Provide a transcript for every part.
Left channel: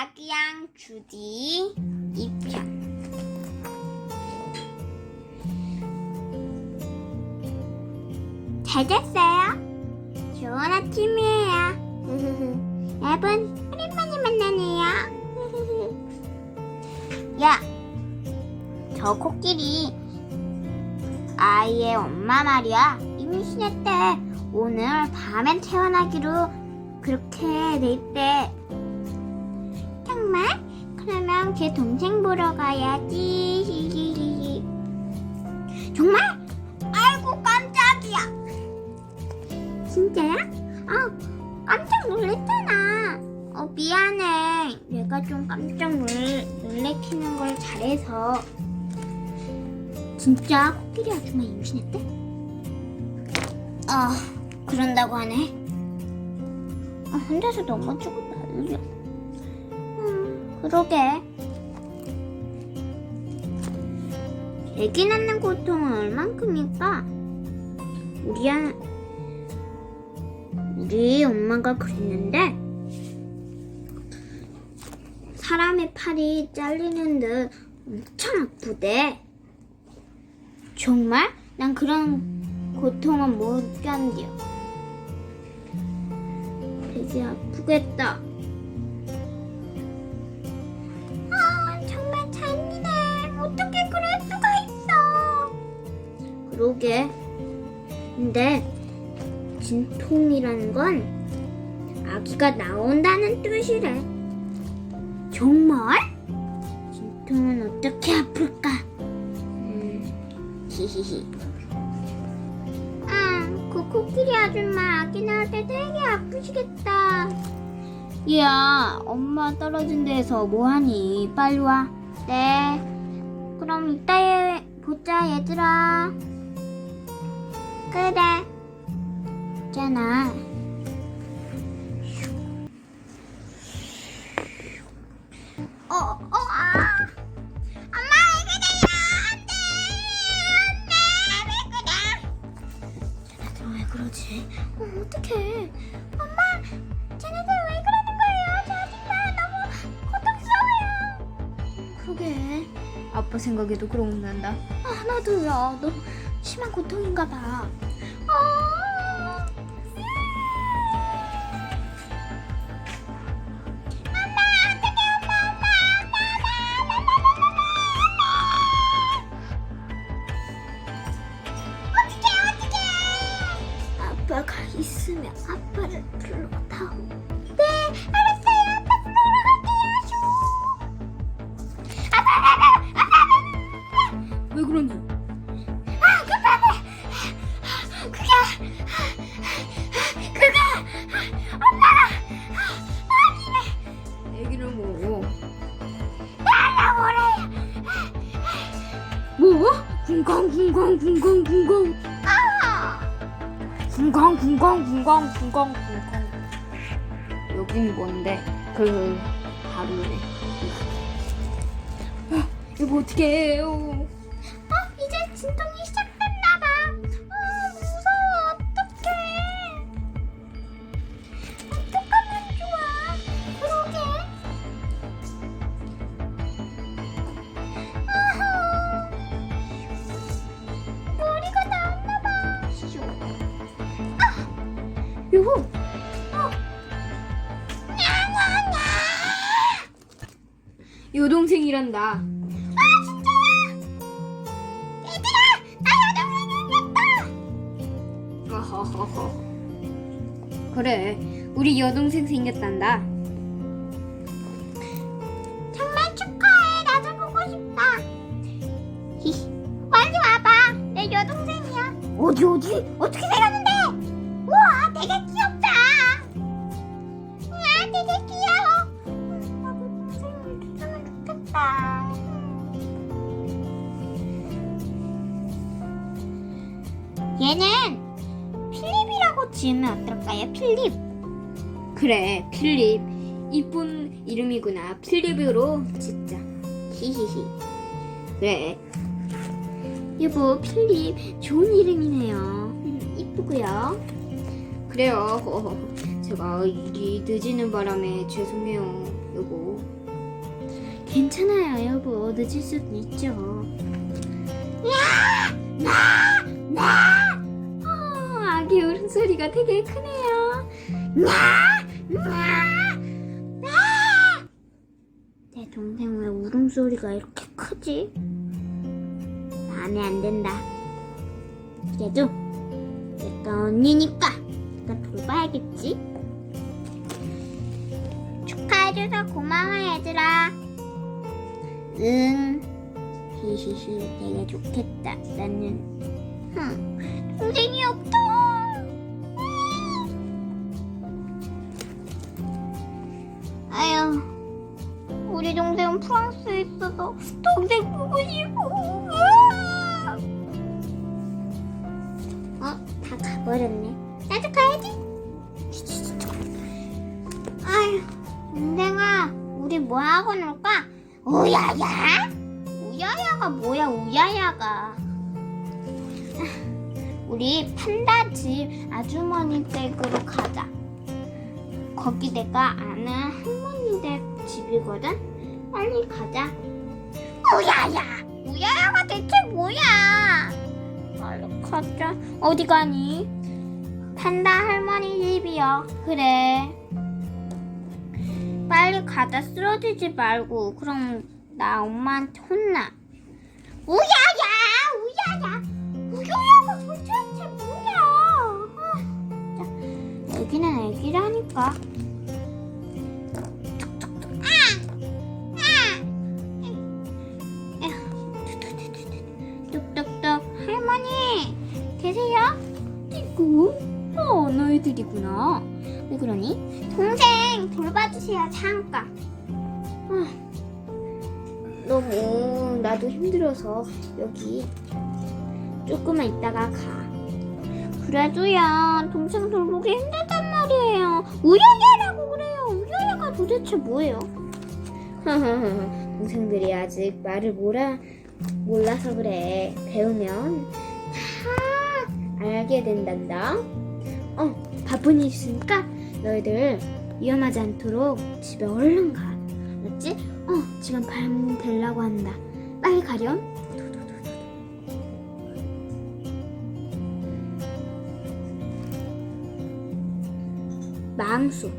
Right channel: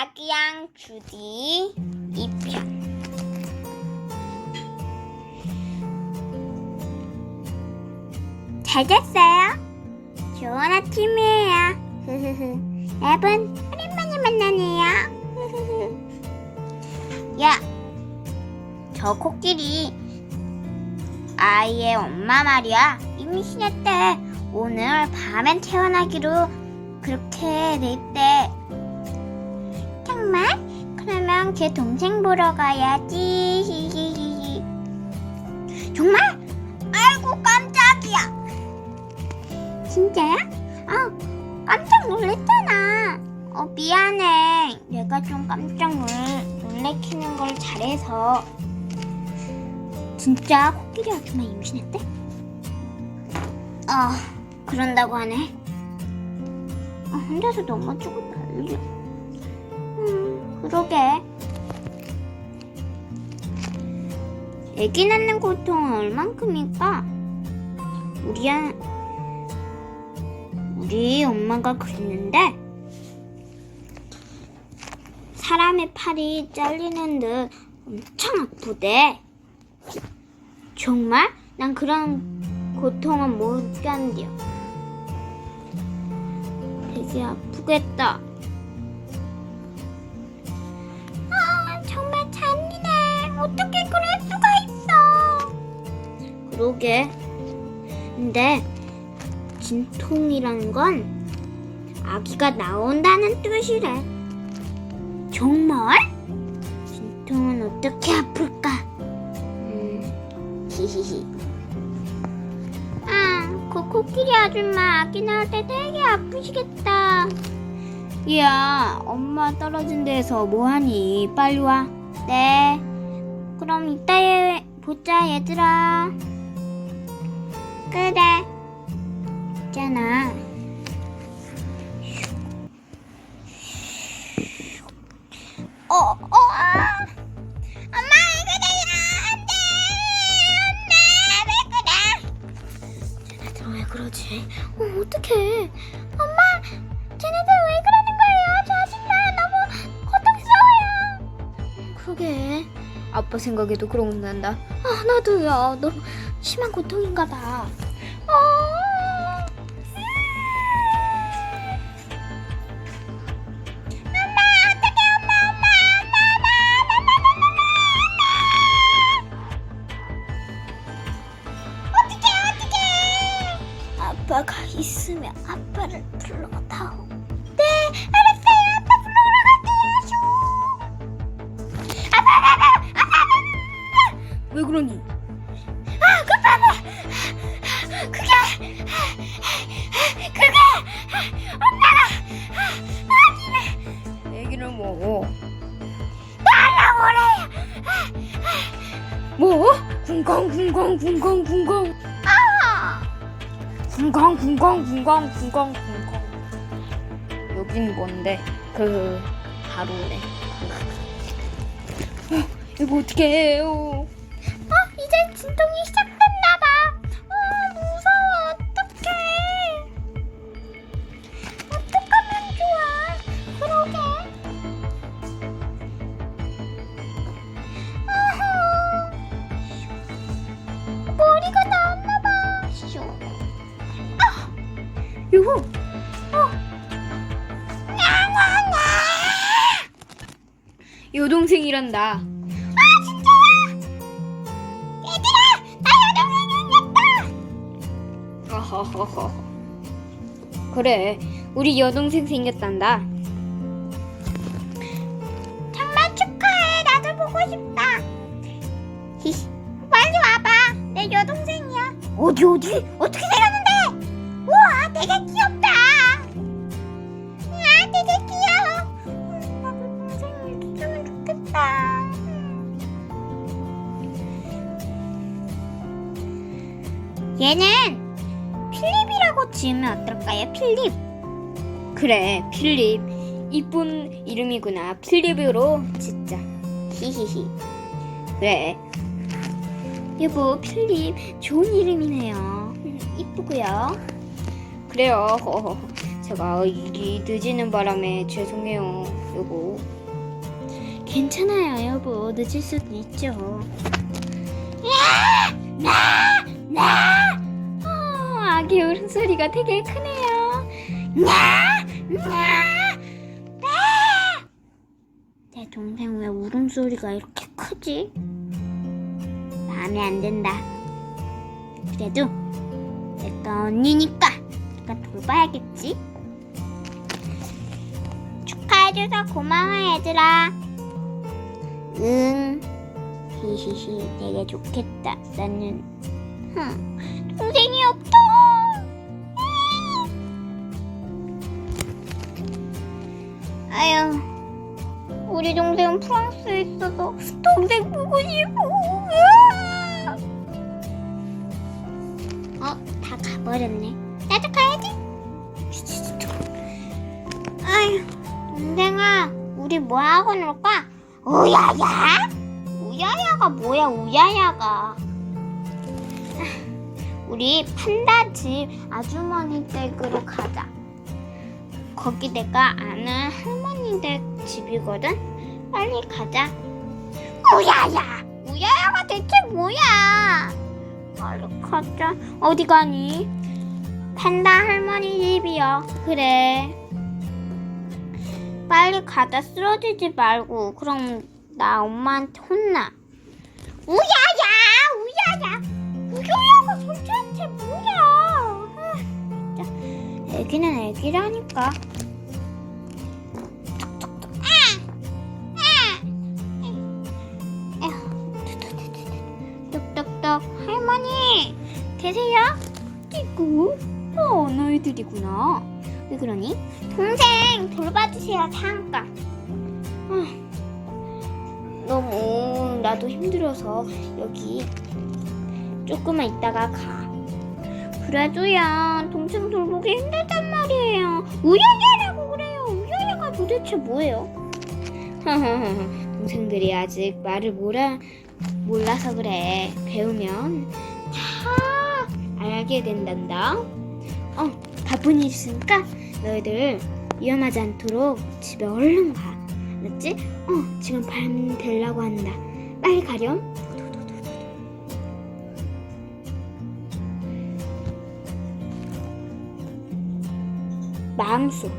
아기양 주디 2편 잘 잤어요? 좋은 아침이에요. 여러분, 오랜만에 만나네요. 야, 저 코끼리 아이의 엄마 말이야. 임신했대. 오늘 밤엔 태어나기로 그렇게 돼 있대. 정말? 그러면 걔 동생 보러 가야지. 정말? 아이고 깜짝이야. 진짜야? 아, 깜짝 놀랐잖아. 어, 미안해. 내가 좀 깜짝 놀, 놀래키는 걸 잘해서. 진짜 코끼리 아줌마 임신했대? 아, 그런다고 하네. 아, 혼자서 넘어지고 난리야. 음, 그러게. 애기 낳는 고통은 얼만큼일까? 우리, 아, 우리 엄마가 그랬는데, 사람의 팔이 잘리는 듯 엄청 아프대. 정말? 난 그런 고통은 못 견뎌. 되게 아프겠다. 그러게. 근데 진통이라는 건 아기가 나온다는 뜻이래. 정말? 진통은 어떻게 아플까? 음, 히히히. 아, 그 코끼리 아줌마 아기 낳을 때 되게 아프시겠다. 야, 엄마 떨어진 데서 뭐하니? 빨리 와. 네. 그럼 이따 에 보자, 얘들아. 그래. 있잖아. 어, 어, 아. 엄마, 왜 그래요? 안 돼! 안 돼! 왜 그래? 쟤네들 왜 그러지? 어, 어떡해. 엄마, 쟤네들 왜 그러는 거예요? 저 아줌마 너무 고통스러워요. 그러게. 아빠 생각에도 그런 난다. 아, 나도요. 너무 심한 고통인가 봐. 궁강 궁강 궁강 아, 궁강 궁강 궁강 궁강 궁강 여긴 뭔데? 그 바로네 어, 이거 어떻게 해요? 이란다 아, 진짜야. 얘들아, 나 여동생 생겼다. 허허허허 그래 우리 여동생 생겼단다 정말 축하해. 나도 보고 싶다. 히히. 빨리 와봐. 내 여동생이야. 어디 어디? 어떻게 필립. 그래 필립 이쁜 이름이구나 필립으로 진짜 히히히. 그래 여보, 필립 좋은 이름이네요. 음, 이쁘고요. 그래요. 제가 일이 늦어지는 바람에 죄송해요, 여보. 괜찮아요, 여보. 늦을 수도 있죠. 야! 나! 나! 어, 아기 울음소리가 되게 크네요. 나! 나! 나! 내 동생 왜 울음소리가 이렇게 크지? 마음에 안 든다. 그래도 내가 언니니까 내가 돌봐야겠지? 축하해줘서 고마워 얘들아. 응. 히히히, 되게 좋겠다. 나는 흠, 동생은 프랑스에 있어서 동생 보고 싶어. 어, 다 가버렸네. 나도 가야지. 아유, 동생아, 우리 뭐 하고 놀까? 우야야? 우야야가 뭐야, 우야야가? 우리 판다 집 아주머니 댁으로 가자. 거기 내가 아는 할머니 댁 집이거든. 빨리 가자. 우야야, 우야야가 대체 뭐야? 빨리 가자. 어디 가니? 판다 할머니 집이요. 그래. 빨리 가다 쓰러지지 말고 그럼 나 엄마한테 혼나. 우야야, 우야야. 우야야가 도대체 뭐야? 아, 진짜. 애기는 애기라니까. 계세요? 이구. 어, 너희들이구나. 왜 그러니? 동생 돌봐주세요, 잠깐. 아, 너무 나도 힘들어서 여기 조금만 있다가 가. 그래도요, 동생 돌보기 힘들단 말이에요. 우야야라고 그래요. 우야야가 도대체 뭐예요? 동생들이 아직 말을 몰라 몰라서 그래. 배우면 다 알게 된단다. 어, 바쁜 일 있으니까 너희들 위험하지 않도록 집에 얼른 가. 알았지? 어, 지금 밤 되려고 한다. 빨리 가렴. 마음속.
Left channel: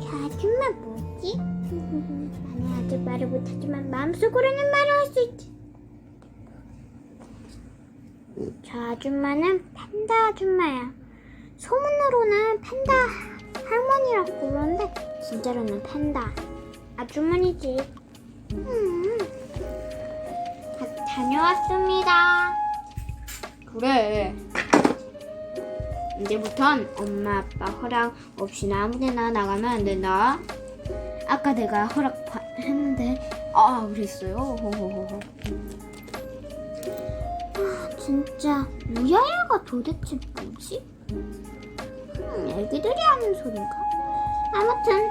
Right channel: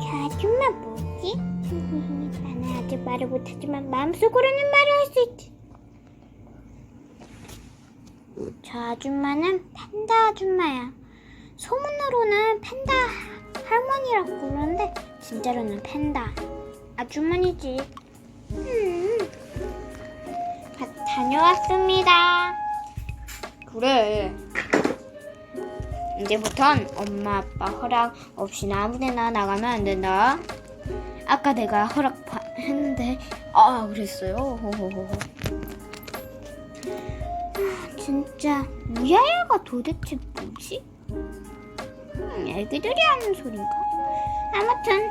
저 아줌마 뭐지? 나는 아직 말을 못하지만 마음속으로는 말을 할 수 있지. 저 아줌마는 팬다 아줌마야. 소문으로는 팬다 할머니라고 그러는데 진짜로는 팬다 아주머니지. 음. 다, 다녀왔습니다. 그래. 이제부턴 엄마 아빠 허락 없이는 아무데나 나가면 안 된다. 아까 내가 허락 바- 했는데 아 그랬어요. 호호호호. 진짜 우야야가 도대체 뭐지? 음, 애기들이 하는 소린가? 아무튼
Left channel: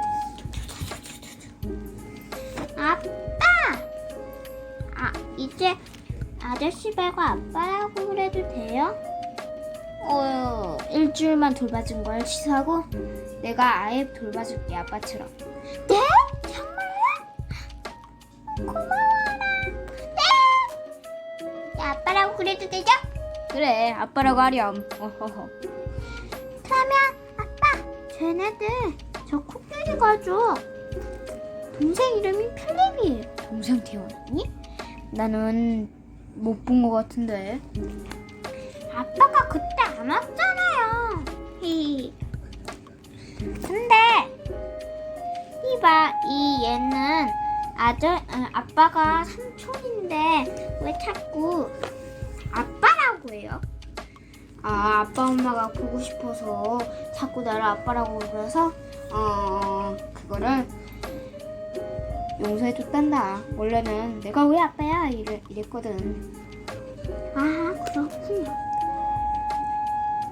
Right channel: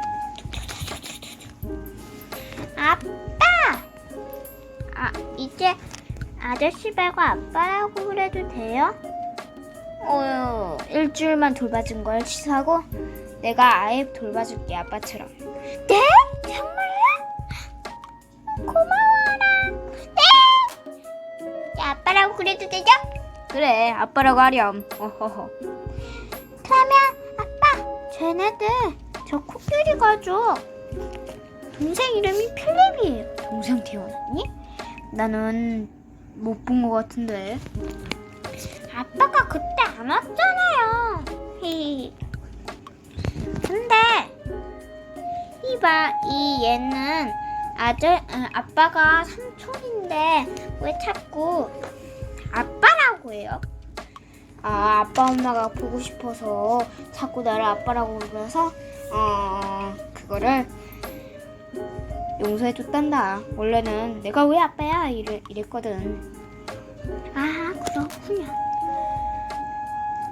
아빠! 아 이제 아저씨 말고 아빠라고 그래도 돼요? 어 일주일만 돌봐준 걸 취소하고 내가 아예 돌봐줄게 아빠처럼. 네? 그래도 되죠? 그래 아빠라고 하렴. 어허허. 그러면 아빠 쟤네들 저 코끼리 가죠 동생 이름이 필립이에요 동생 태어났니? 나는 못 본 것 같은데. 아빠가 그때 안 왔잖아요 히히 근데 이봐 이 얘는 아저 아, 아빠가 삼촌인데 왜 자꾸 아빠라고 해요? 아 아빠 엄마가 보고 싶어서 자꾸 나를 아빠라고 불러서 어 그거를 용서해줬단다. 원래는 내가 왜 아빠야 이래, 이랬거든. 아 그렇군요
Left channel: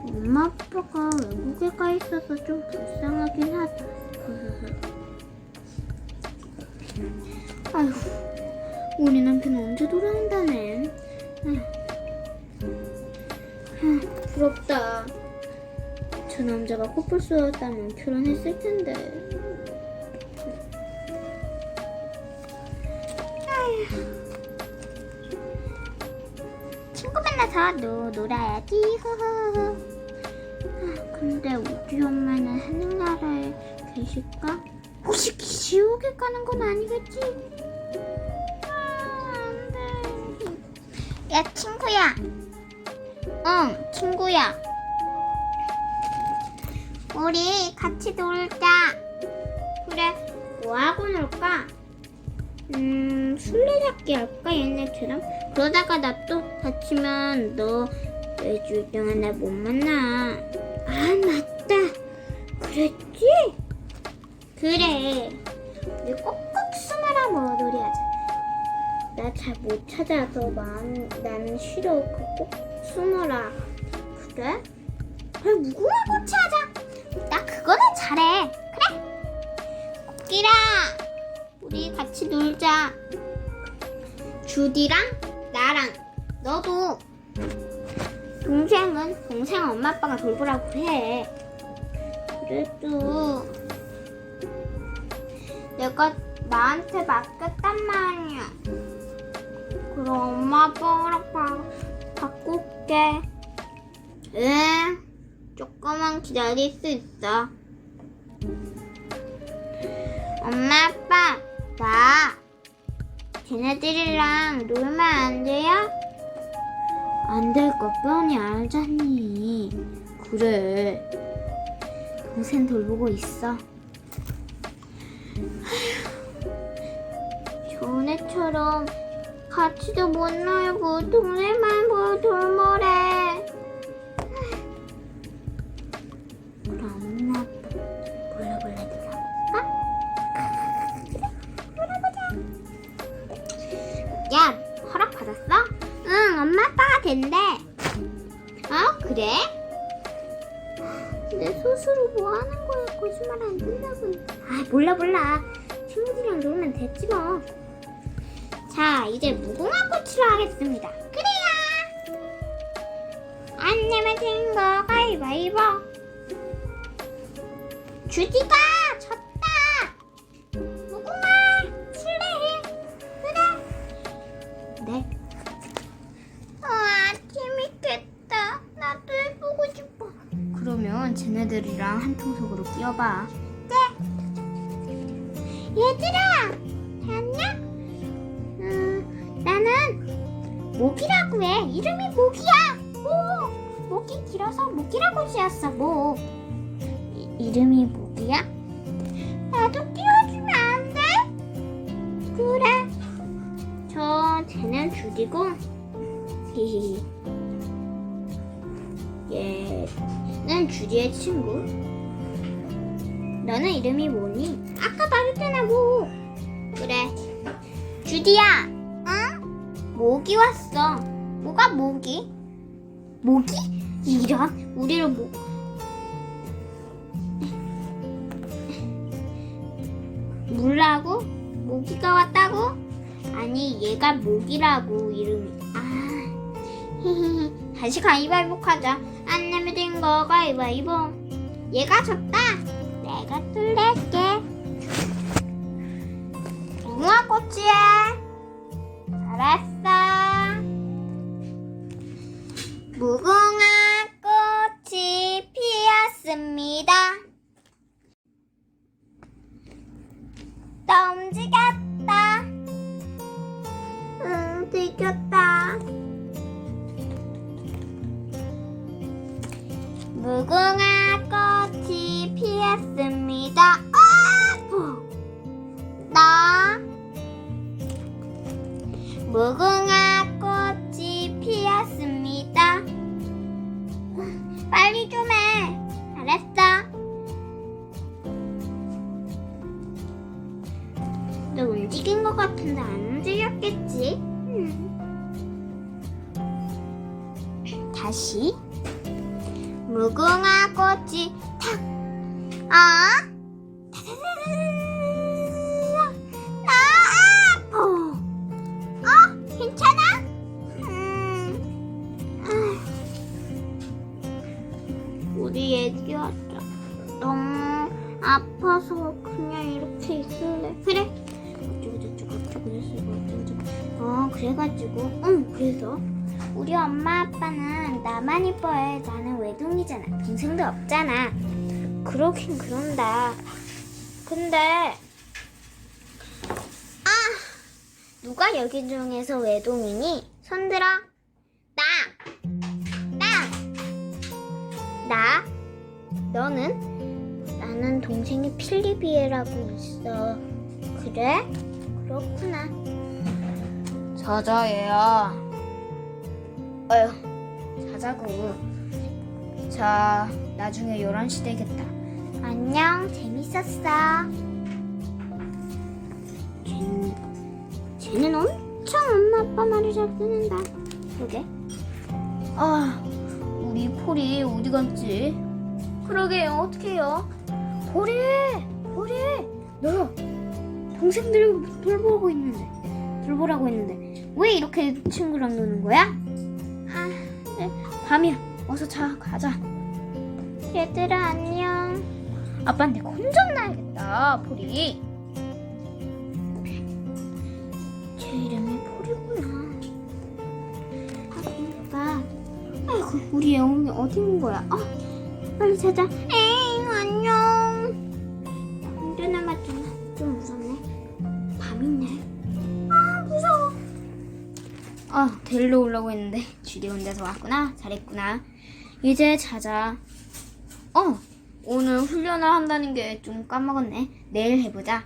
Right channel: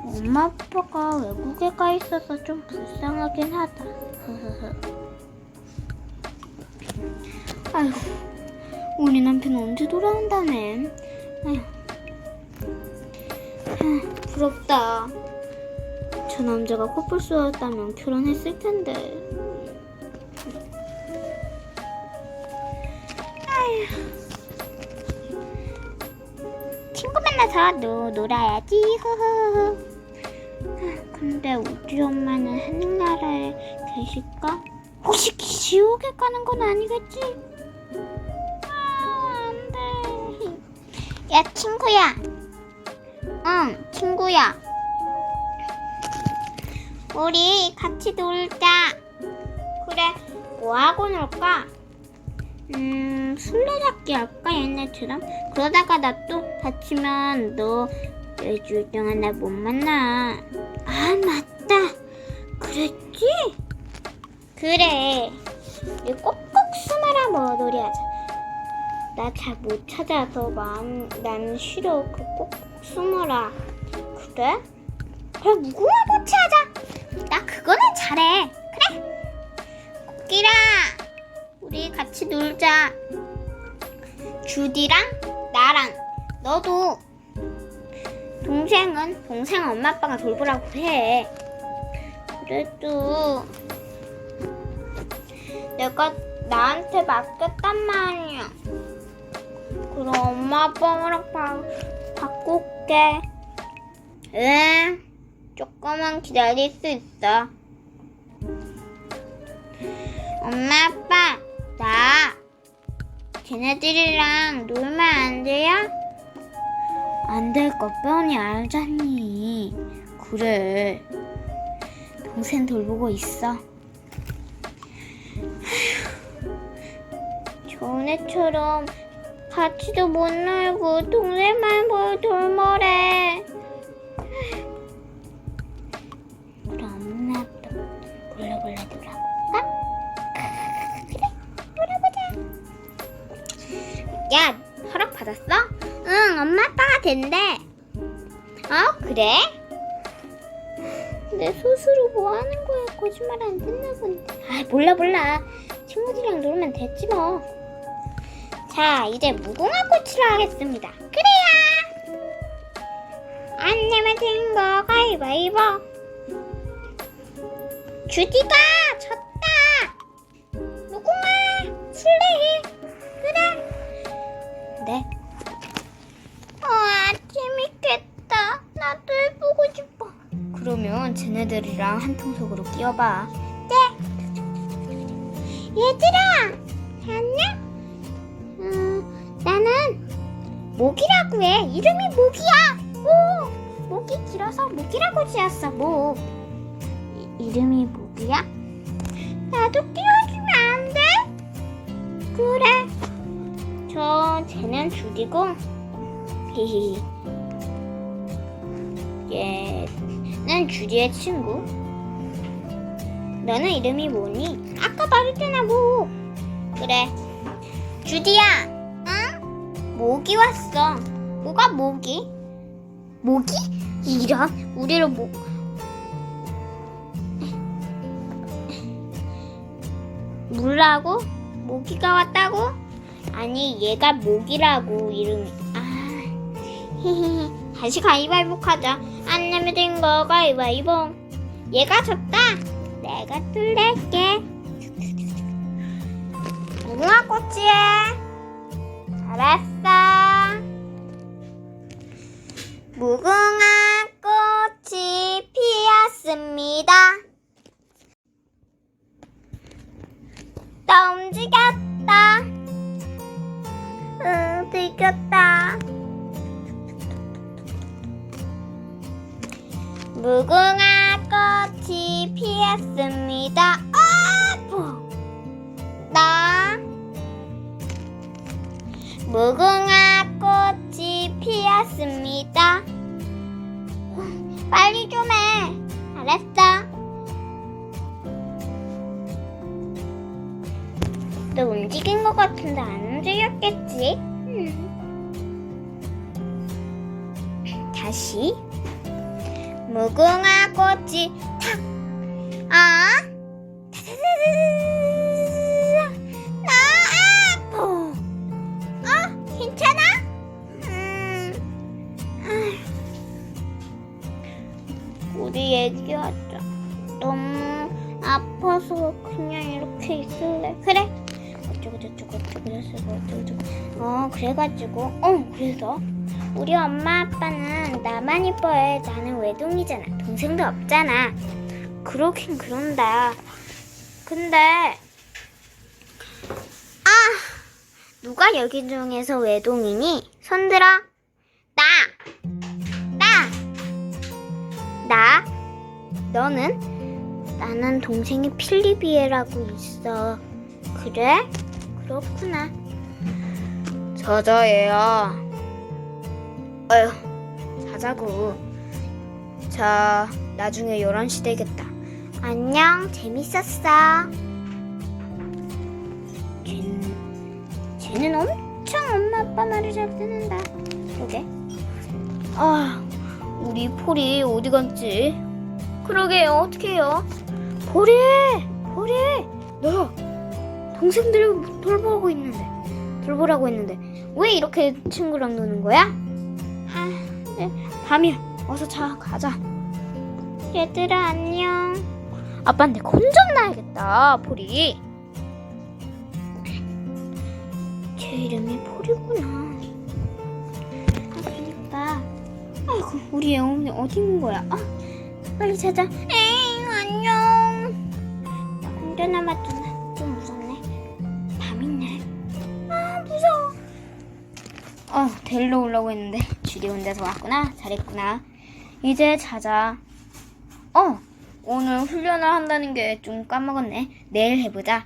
엄마 아빠가 외국에 가 있어서 좀 불쌍하긴 하다 아휴 우리 남편 언제 돌아온다네. 아휴 아, 부럽다. 저 남자가 코뿔소였다면 결혼했을 텐데. 친구 만나서 노, 놀아야지. 흐흐흐. 아, 근데 우리 엄마는 하늘나라에 계실까? 혹시 지옥에 가는 건 아니겠지? 아, 안 돼. 야, 친구야. 응, 친구야. 우리 같이 놀자. 그래, 뭐 하고 놀까? 음, 술래잡기 할까, 얘네처럼? 그러다가 나 또 다치면 너 일주일 동안 나못 만나. 아, 맞다. 그랬지? 그래. 우리 꼭꼭 숨어라 뭐 놀이 하자. 나 잘 못 찾아서 마음, 나는 싫어. 그 꼭 숨어라. 그래? 그래, 무궁화 꽃이 하자. 나 그거는 잘해. 그래. 코끼라, 우리 같이 놀자. 주디랑 나랑 너도 동생은 동생 엄마 아빠가 돌보라고 해. 그래도 내가 나한테 맡겼단 말이야. 그럼 엄마 아빠랑 바, 바꿀게. 응. 조금만 기다릴 수 있어. 엄마 아빠 나 걔네들이랑 놀면 안 돼요? 안 될 거 뻔히 알잖니. 그래. 동생 돌보고 있어. 전에처럼 같이도 못 놀고 동생만 보고 돌머래. 그럼 몰라 몰라 몰라볼까? 그래 몰아보자. 야 허락 받았어? 응 엄마 아빠가 된대. 어 그래? 내 스스로 뭐 하는 거야? 거짓말 안 본데. 아 몰라 몰라. 친구들이랑 놀면 됐지 뭐. 자 이제 무궁화 꽃으로 하겠습니다. 그래야. 안 내면 된거 가위바위보. 주디가 졌다. 무궁화 술래해. 그래. 네. 와 재밌겠다. 나도 해보고 싶어. 그러면 쟤네들이랑 한 통 속으로 끼워봐. 네. 얘들아, 모기라고 해. 이름이 모기야. 오, 목이 길어서 모기라고 지었어. 모. 이, 이름이 모기야? 나도 끼워주면 안 돼? 그래. 저 쟤는. 히히. 얘는 주디의 친구. 너는 이름이 뭐니? 아까 말했잖아, 뭐. 그래. 주디야, 응? 모기 왔어. 뭐가 모기? 모기? 이런, 우리를 모. 물라고? 모기가 왔다고? 아니, 얘가 모기라고, 이름이. 아, 히히히. 다시 가위바위보 하자. 안 내면 된 거 가위바위보. 얘가 졌다. 내가 뚫을게. 무궁화 꽃이야. 잘했어. 무궁화 꽃이 피었습니다. 나 움직였다. 너 움직인 것 같은데 안 움직였겠지? 음. 다시. 무궁화 꽃이 탁! 아? 우리 얘기하자. 너무 아파서 그냥 이렇게 있을래. 그래. 어쩌고 저쩌고 어쩌고 뭐 어쩌고 어 그래가지고 어 그래서 우리 엄마 아빠는 나만 이뻐해 나는 외동이잖아 동생도 없잖아 그렇긴 그런다 근데 아 누가 여기 중에서 외동이니 손들어 나 나! 나? 너는? 나는 동생이 필리비에라고 있어. 그래? 그렇구나. 자자 얘야. 어휴 자자고. 자 나중에 11시 되겠다. 안녕, 재밌었어. 쟤는, 쟤는 엄청 엄마 아빠 말을 잘 듣는다. 그러게. 아 우리 폴이 어디 갔지? 그러게요 어떡해요? 폴이 폴이 너 동생 들 돌보고 있는데 돌보라고 했는데 왜 이렇게 친구랑 노는 거야? 아 네, 밤이야 어서 자 가자 얘들아, 안녕. 아빠한테 혼전나야겠다 폴이 제 이름이 폴이구나. 아, 그니까. 아이고, 우리 애엄이 어디 있는 거야? 아, 빨리 찾아. 에이, 안녕. 나 혼자 남았구 데리러 오려고 했는데 쥐리 혼자서 왔구나 잘했구나 이제 자자 어 오늘 훈련을 한다는 게 좀 까먹었네 내일 해보자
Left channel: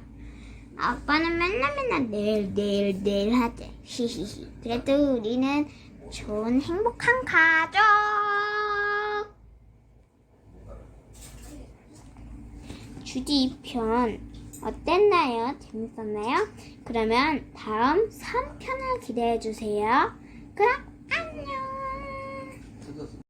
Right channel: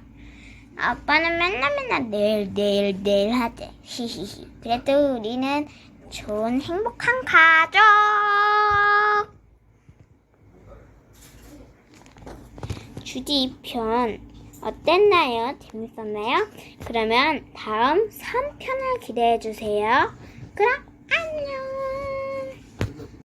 아빠는 맨날 맨날 내일, 내일, 내일 하재. 히히히. 그래도 우리는 좋은 행복한 가족. 주디 2편 어땠나요? 재밌었나요? 그러면 다음 3편을 기대해 주세요. 그럼 안녕.